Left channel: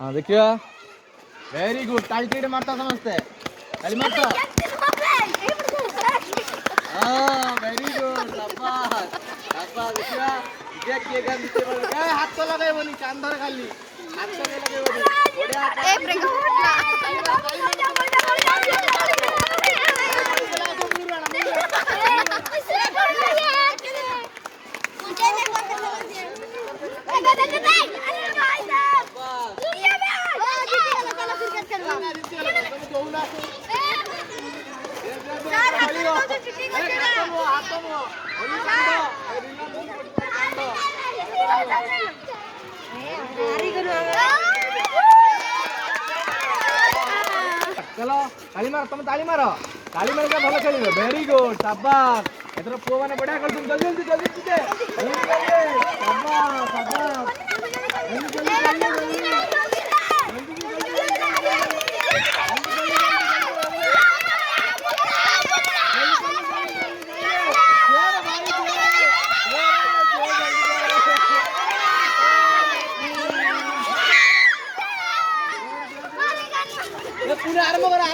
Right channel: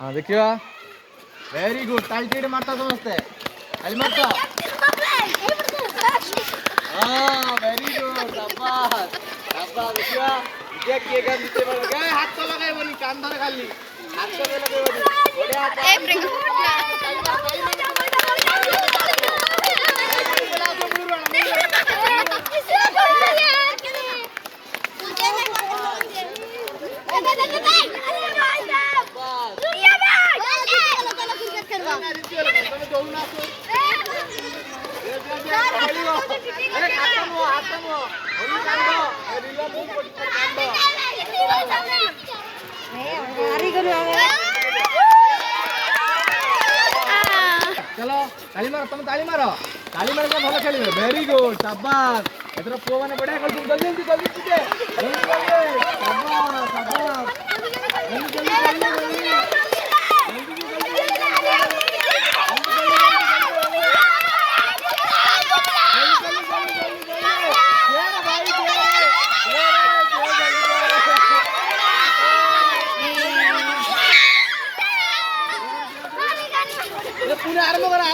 हाँ देखिए very good ताली मारता समझते ताली मारता हाँ वेरी गुड शाबाश शाबाश देखिए ये किएगा नीचे बढ़ गए हाथ तो लगाए बनी कान धरे खाली हाथ तो लगे बनी चलो ताली मारो तुम ताली मारो क्या भलो खेल वेरी गुड शाबाश एथर पुओ माने बढ़िया कर तुम जल्दी जल्दी शाबाश शाबाश पुणे आरंभ करा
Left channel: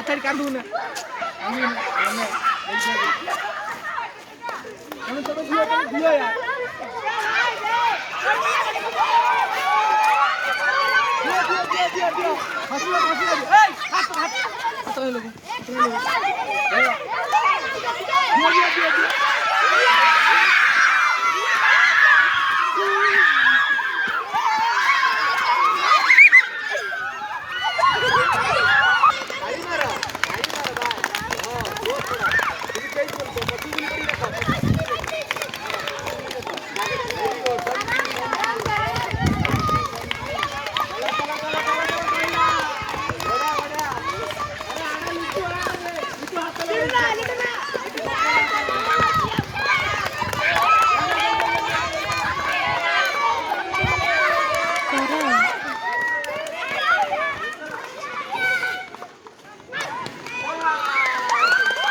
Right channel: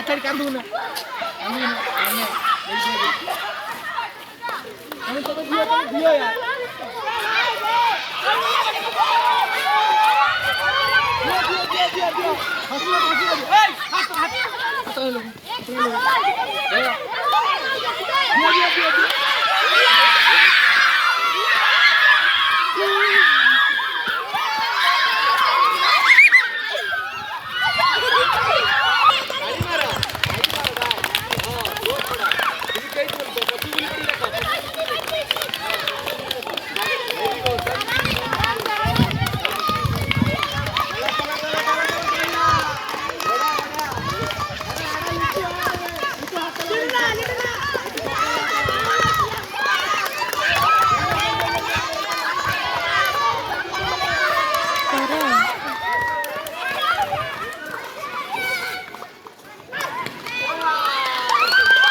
आचारी कांदू ना तो दियो यार दियो हाथ